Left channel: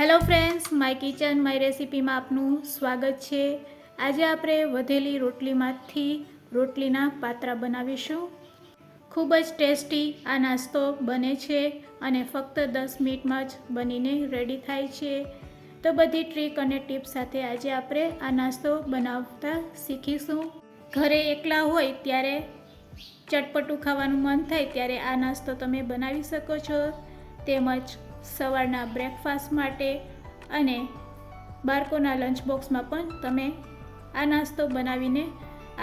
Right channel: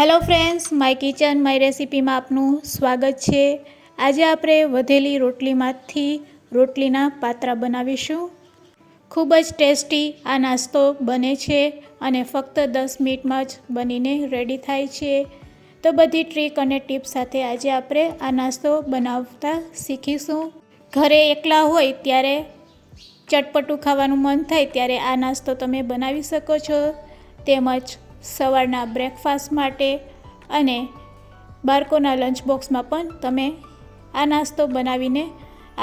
Hello friends, my kitchen my રેસિપીમાં આપનું સ્વાગત છે। આજે આપણે વધેલી રોટલીમાંથી રોટલીના પાત્રા બનાવીશું। ખૂબ જ ટેસ્ટી આ નાસ્તો બને છે અને ફક્ત 10 મિનિટમાં જ બનીને રેડી થાય છે। તો બધી ટ્રીક અને ટિપ્સ સાથે આજે આપણે આ નાસ્તો બનાવતા શીખીશું। ઘરે એકલા હોય ત્યારે ચટપટું ખાવાનું મન થાય ત્યારે આ નાસ્તો તમે બનાવી શકો છો, તેમજ સવારના બ્રેકફાસ્ટ માટે અને બાળકોના લંચ બોક્સમાં પણ તમે આ નાસ્તો બનાવીને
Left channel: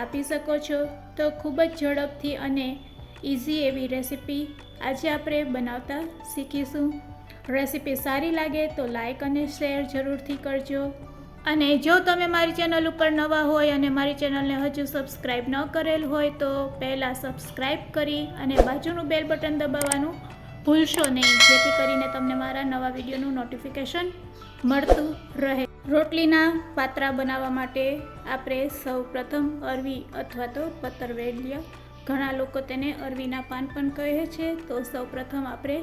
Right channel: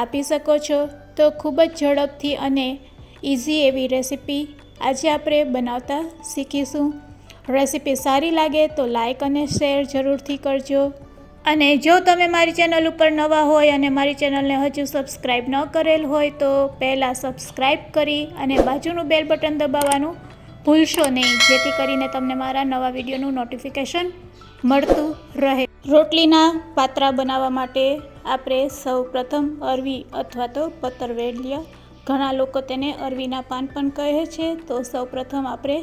આપી શકો છો। તો ખૂબ જ ઝડપથી અને ઇઝી એવી રેસીપી આજે આપણે બનાવતા શીખીશું। રેસીપી સારી લાગે તો લાઈક અને શેર જરૂરથી કરજો। અને જો તમે મારી ચેનલ ઉપર નવા હોય અને મારી ચેનલને હજુ સબસ્ક્રાઈબ ન કરેલ હોય તો પહેલાં સબસ્ક્રાઈબ કરી અને બાજુનું બેલ બટન દબાવવાનું ભૂલશો નહીં, જેથી કરીને તમને મારા નવા વિડીયોનું નોટિફિકેશન મળતું રહે। રોટલીના પાત્રા બનાવવા માટે આપણે સૌ પ્રથમ અરવી અથવા તો પતરવેલીયા, ઘણા લોકો તેને અરવીના પાન પણ કહે છે। તો સૌ પ્રથમ આપણે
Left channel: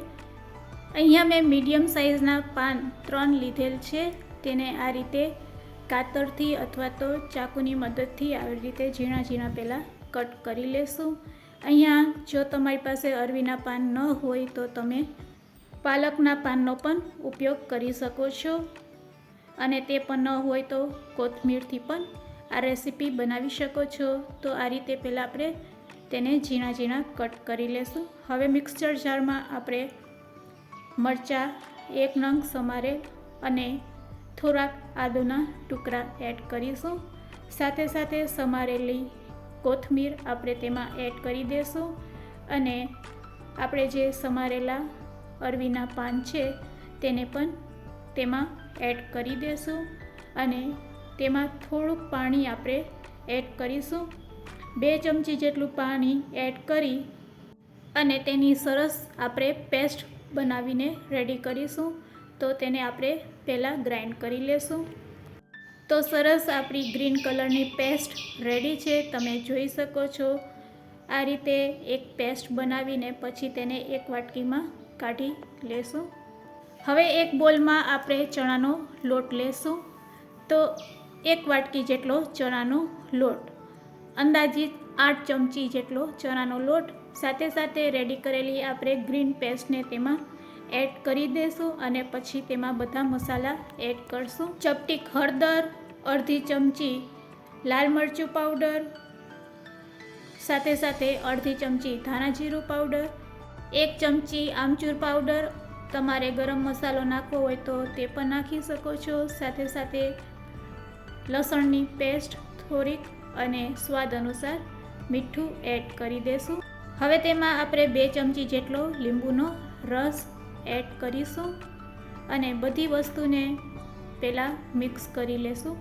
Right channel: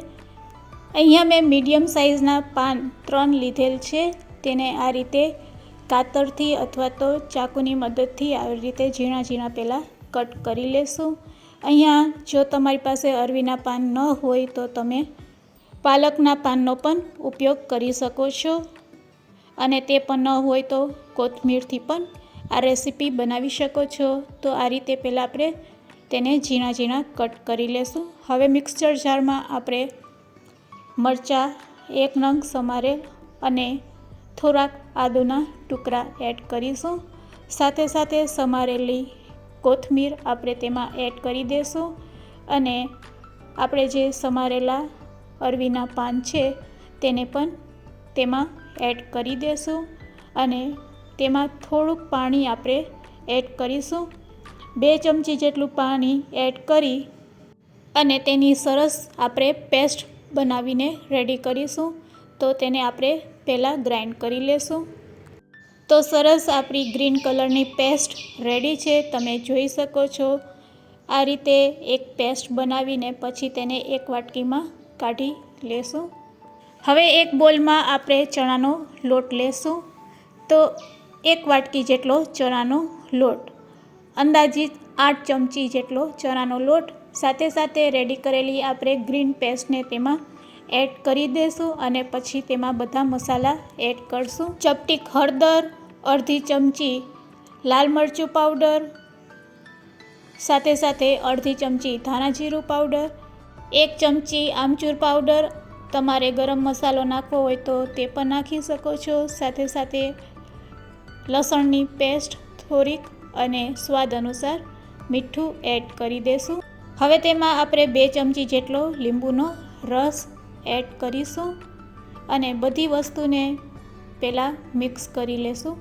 અહીંયા મેં મીડિયમ સાઇઝના પાન 3 લીધેલ છે। તેને આ રીતે કાતરથી અથવા તો ચાકુની મદદથી આવી રીતે ઝીણા ઝીણા પહેલાં કટ કરી લેશું। અહીંયા જો તમારી પાસે અરવીના પાન ન હોય તો તમે પાલકના પાનનો પણ ઉપયોગ કરી શકો છો, અને તે પણ ન હોય તો કોથમીરથી પણ આ રેસીપી બનાવી શકો છો। તો આ રીતે પહેલાં આપણે તેને ઝીણા ઝીણા કટ કરી લેશું। હવે મિક્સર જારમાં આપણે મરચાં 1 નંગ સમારેલ અને થોડાક આદુના ટુકડા એડ કરીશું। સાથે સાથે સમારેલી કોથમીર આપણે તેમાં એડ કરી દઈશું અને આપણે જે સમારેલા અરવીના પાન છે તેને પણ તેમાં એડ કરી દઈશું અને તેમાં થોડુંક પાણી આપણે એડ કરીશું। 2 ચમચી જેટલું પાણી એડ કરી અને તેની સરસ આપણે પેસ્ટ બનાવીને રેડી કરીશું। તો તેને આપણે પહેલાં ગ્રાઇન્ડ કરી લેશું। તો સરસ આપણી ગ્રીન કલરની પેસ્ટ રેડી છે, તમે જોઈ શકો છો। આ રીતે એક પેસ્ટ બનાવીને પછી તેને એક વાટકીમાં કાઢી લેશું। હવે એક બોલમાં આપણે ચણાનો લોટ લેશું। તો 1 વાટકી જેટલો ચણાનો લોટ, અંદાજિત 8 ચમચી જેટલો ચણાનો લોટ, સાથે સાથે રેડી કરેલી આપણે ગ્રીન પેસ્ટને તેમાં એડ કરી દઈશું અને પછી તેમાં બધા મસાલા એડ કરશું। ચપટીક હળદર, અડધી ચમચી લાલ મરચું પાવડર, સાથે સાથે અડધી ચમચી ધાણા જીરું પાવડર, 1 ચમચી આમચૂર પાવડર, તમારે ગરમ મસાલો નાખવો હોય તો તે પણ નાખી શકો છો। સાથે સાથે લસણની પેસ્ટ થોડીક અને સ્વાદ અનુસાર મીઠું એડ કરી દઈશું। હવે તેમાં આપણે 2 ચમચી જેટલો લીંબુનો રસ એડ કરીશું અને બધી વસ્તુને પહેલાં મિક્સ કરી લેશું।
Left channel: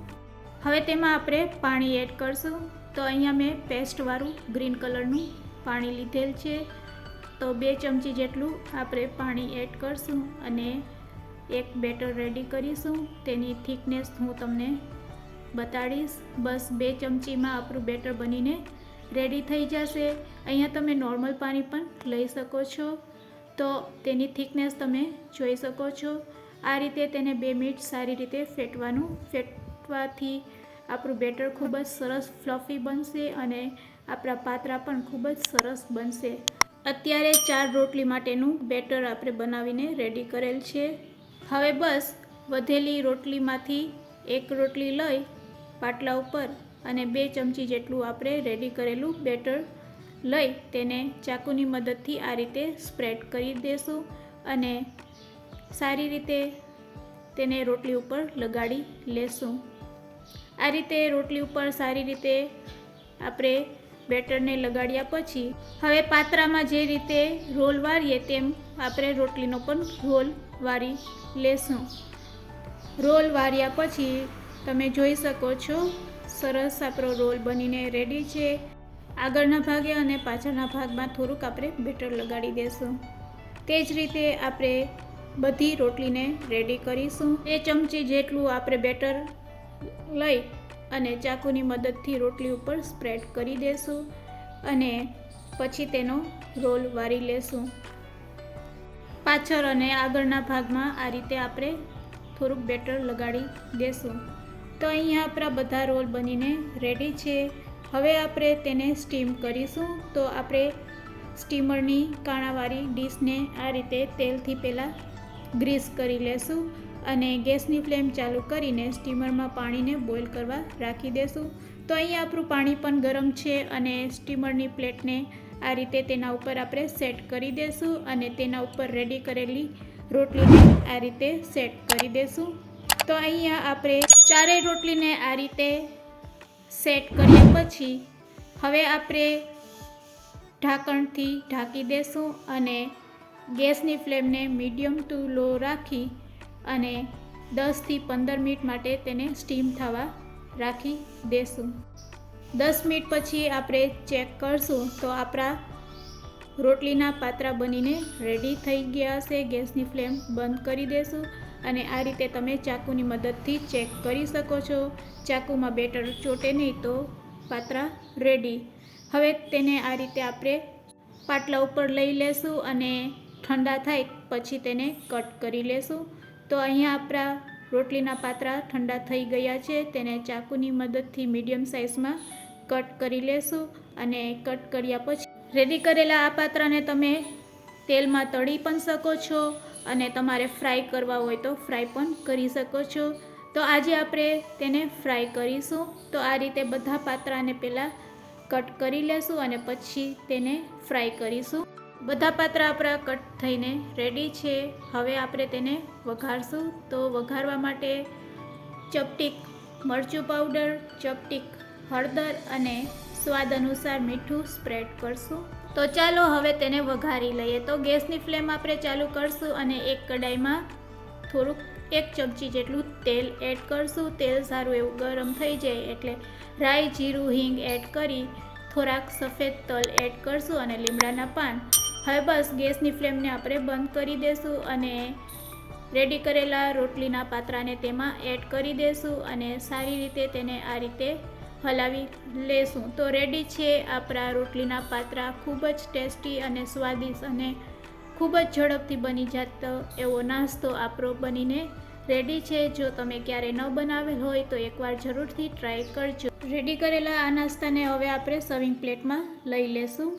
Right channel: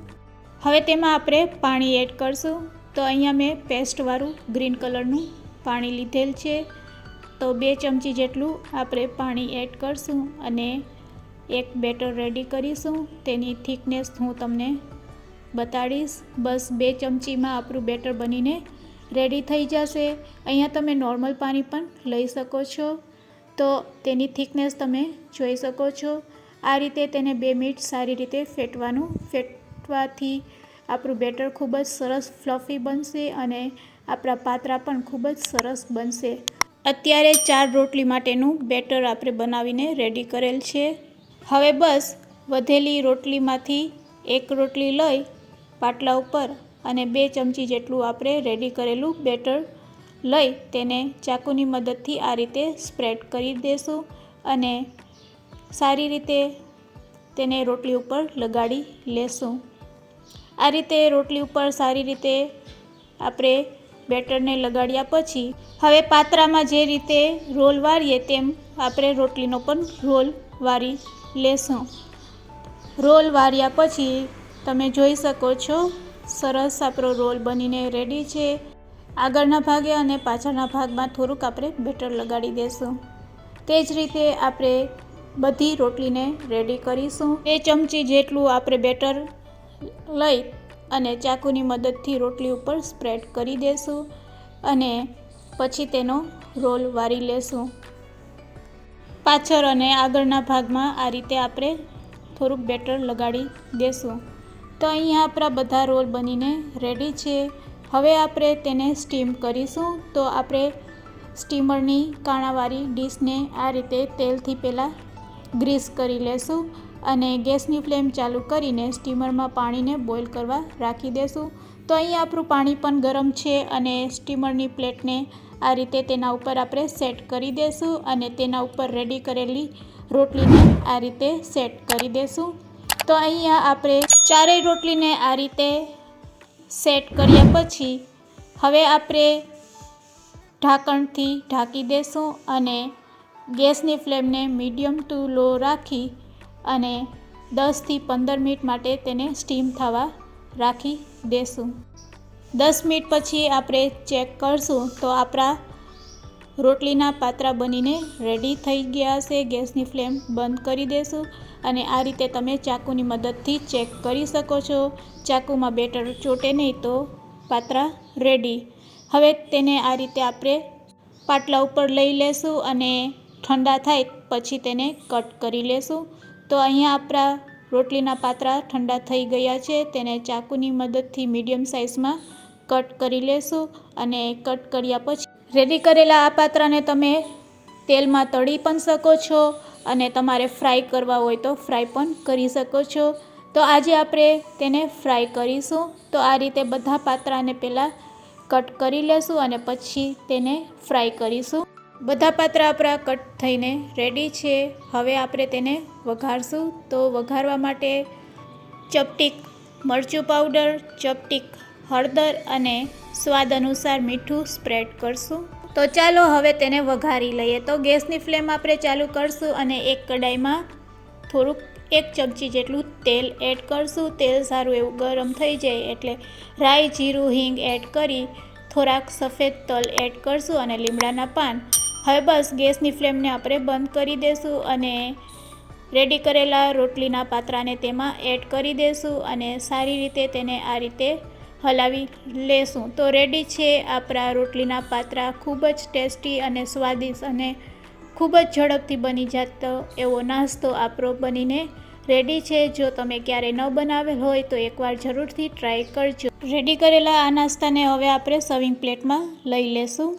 હવે તેમાં આપણે પાણી એડ કરશું। તો અહીંયા મેં પેસ્ટવાળું ગ્રીન કલરનું પાણી લીધેલ છે। તો 2 ચમચી જેટલું આપણે પાણી એડ કરશું અને એક બેટર રેડી કરીશું। તેની થિકનેસ હું તમને બતાડીશ। બસ 2 ચમચીમાં આપણું બેટર બનીને રેડી થઈ જશે। અહીંયા તમે નોર્મલ પાણી પણ લઈ શકો છો। તો તેની થિકનેસ તમે જોઈ શકો છો। આ રીતે તેને 2 મિનિટ સારી રીતે ફેટવાનું, ફેટવાથી આપણું બેટર ખૂબ જ સરસ ફ્લફી બનશે અને આપણા પાત્રા પણ ખૂબ જ સરસ બનશે। અત્યારે 4 રોટલી માટેનું બેટર આપણે બનાવીને રેડી કરેલ છે। હવે બસ વધેલી રોટલીમાંથી એક રોટલી લઈ પાટલા ઉપર અને 2 ચમચી જેટલું આપણે રેડી કરેલું બેટર લઈ તેને ચાકુની મદદથી આ રીતે સ્પ્રેડ કરી દેશું અને સારી રીતે તેને રોટલી ઉપર લગાડી લેશું। આ રીતે રોટલી ઉપર સારી રીતે આપણે બેટરને લગાડ્યા પછી હવે પાત્રામાં જે રીતે રોલ વાળીએ તેમ આપણે રોટલીનો પણ રોલ વાળી લેશું। રોલ વાળ્યા પછી તમે જોઈ શકો છો સરસ આપણો રોલ બનીને રેડી છે। આગળના ભાગે અને પાછળના ભાગમાં થોડુંક આપણે બેટર લગાડી દઈશું। તે જ રીતે આપણે બધી રોટલીને રેડી કરીશું। 2 ચમચી જેટલું આપણે બેટર લઈ અને ચાકુની મદદથી રોટલી ઉપર સ્પ્રેડ કરી દઈશું અને પછી તેનો રોલ વાળી લેશું। પાછળ અને આગળના ભાગમાં આ રીતે આપણે થોડુંક બેટર લગાડી દેશું. તો અહીંયા આપણા બધા રોલ બનીને રેડી છે. હવે આપણે તેને સ્ટીમ કરીશું. તો આપણે સ્ટીમરની કાણાવાળી ડીશને આ રીતે તેલથી પહેલાં ગ્રીસ કરી લેશું અને ગેસની ફ્લેમ ચાલુ કરીને સ્ટીમરમાં પાણીને બોઇલ કરવા રાખી દેશું. તો અહીંયા આપણું પાણી પણ ગરમ છે અને સ્ટીમરની પ્લેટને આ રીતે તેના ઉપર આપણે સેટ કરી દેશું અને તેના ઉપર રેડી કરેલી રોટલીને આ રીતે સેટ કરી દેશું. તો અહીંયા આપણે ચારેય રોટલીને આ રીતે સેટ કર્યા પછી હવે આપણે ઢાંકણથી ઢાંકી દેશું અને ગેસની ફ્લેમને મીડિયમ ટુ લો રાખી અને 10થી 15 મિનિટ માટે તેને સ્ટીમ થવા રાખી દેશું. 10 મિનિટ પછી આપણે ચેક કરશું તો આપણા રોટલીના પાત્રા બનીને રેડી થઈ ગયા હશે. ગેસની ફ્લેમ બંધ કરી દેશું અને આ રીતે તમે ચાકુની મદદથી ચેક કરી શકો છો. ચાકુમાં બેટર ચોટે નહીં તો પાત્રા રેડી. હવે તેને આ રીતે આપણે પાટલા ઉપર લઈ લેશું અને ઠંડા થાય પછી તેને કટ કરી લેશું. તો અહીંયા આપણા રોટલીના પાત્રા ઠંડા થઈ ગયા છે. તેને ચાકુની મદદથી મીડિયમ સાઇઝમાં કટ કરી લેશું અને કટ કર્યા પછી રેડી કરેલા આ પાત્રાને તમે તેલમાં તળી પણ શકો છો અને તમારે ફ્રાય કરવા હોય તો ફ્રાય પણ કરી શકો છો. તો આજે આપણે તેને ફ્રાય કરીશું. તો આ રીતે બધા પાત્રાને પહેલાં કટ કરી લેશું અને પછી તેને ફ્રાય કરીશું. બધા પાત્રા આપણા કટ થઈને રેડી છે. હવે આપણે તેને વઘારશું. તો વઘારવા માટે ચપટીક મરચું પાવડર, ચપટીક હળદર અને સ્વાદ અનુસાર મીઠું સ્પ્રેડ કરશું. તો ચાલો હવે તેને વઘારી લઈએ. તો ગેસની ફ્લેમ આપણે ચાલુ કરશું અને એક કડાઈમાં થોડુંક 1 ચમચી જેટલું તેલ એડ કરશું. તેલ સારું એવું ગરમ થઈ જાય એટલે રાઈ, જીરું, હિંગ એડ કરી થોડાક સફેદ તલ એડ કરશું અને લીમડાના પાન. હવે બસ ગેસની ફ્લેમને આપણે બંધ કરી દેશું અને રેડી કરેલા રોટલીના પાત્રાને તેમાં એડ કરી દેશું અને સારી રીતે તેને આ રીતે હલાવી લેશું. તો રેડી છે આપણા રોટલીના પાત્રા. ખૂબ જ ટેસ્ટી અને સ્વાદિષ્ટ અને ખૂબ જ ઝડપથી બની જતો એવો નાસ્તો આપણો બનીને રેડી છે. જો તમે ક્યારેય ન બનાવેલ હોય તો એકવાર જરૂરથી ટ્રાય કરજો. રેડી કરેલા આ નાસ્તાને હવે આપણે સર્વિંગ પ્લેટમાં લઈ લેશું.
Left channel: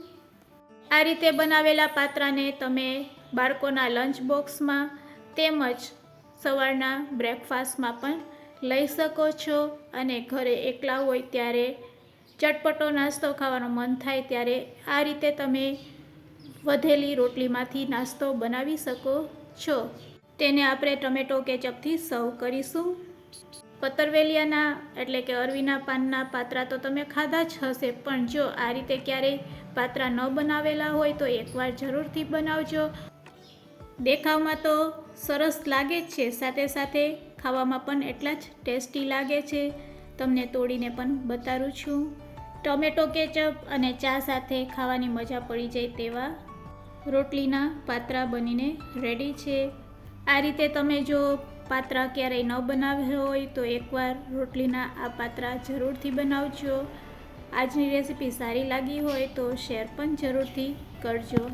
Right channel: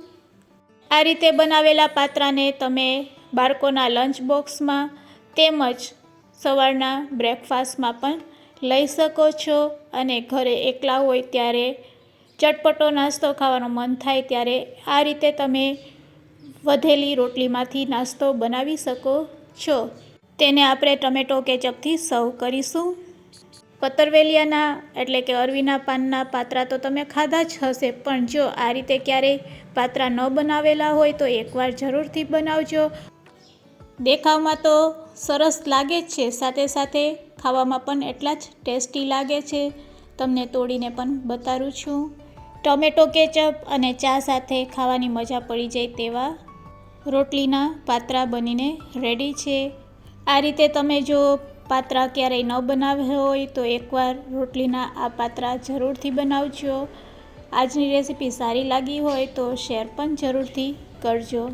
આ રીતે બનાવેલા પાત્રાને તમે બાળકોના લંચ બોક્સમાં તેમજ સવારના બ્રેકફાસ્ટમાં પણ લઈ શકો છો અને ઘરે એકલા હોય ત્યારે ચટપટો નાસ્તો ખાવાનું મન થાય ત્યારે આ રીતે તમે વધેલી રોટલીમાંથી નાસ્તો બનાવી શકો છો. તેને આપણે ટમેટો કેચઅપથી સર્વ કરીશું. પતરવેલિયાના એટલે કે અરવીના પાનના પાત્રા તો તમે ખાધા જ હશે, પણ જો આ રીતે ક્યારેય પાત્રા ન બનાવેલા હોય તો એકવાર જરૂરથી બનાવજો. દેખાવમાં તો સરસ લાગે જ છે, સાથે સાથે ખાવામાં પણ એટલા જ ટેસ્ટી લાગે છે. તમને તોડીને પણ બતાવું છું. ટમેટો કેચઅપ અને ચા સાથે ખાવાની મજા પડી જાય તેવા રોટલીના પાત્રા બનીને રેડી છે. આ રીતે તમે જો પાત્રા ક્યારેય ન બનાવ્યા હોય તો એકવાર રોટલીના આ પાત્રા જરૂરથી બનાવજો. આજની રેસીપી સારી લાગી હોય તો શેર પણ જરૂરથી કરજો.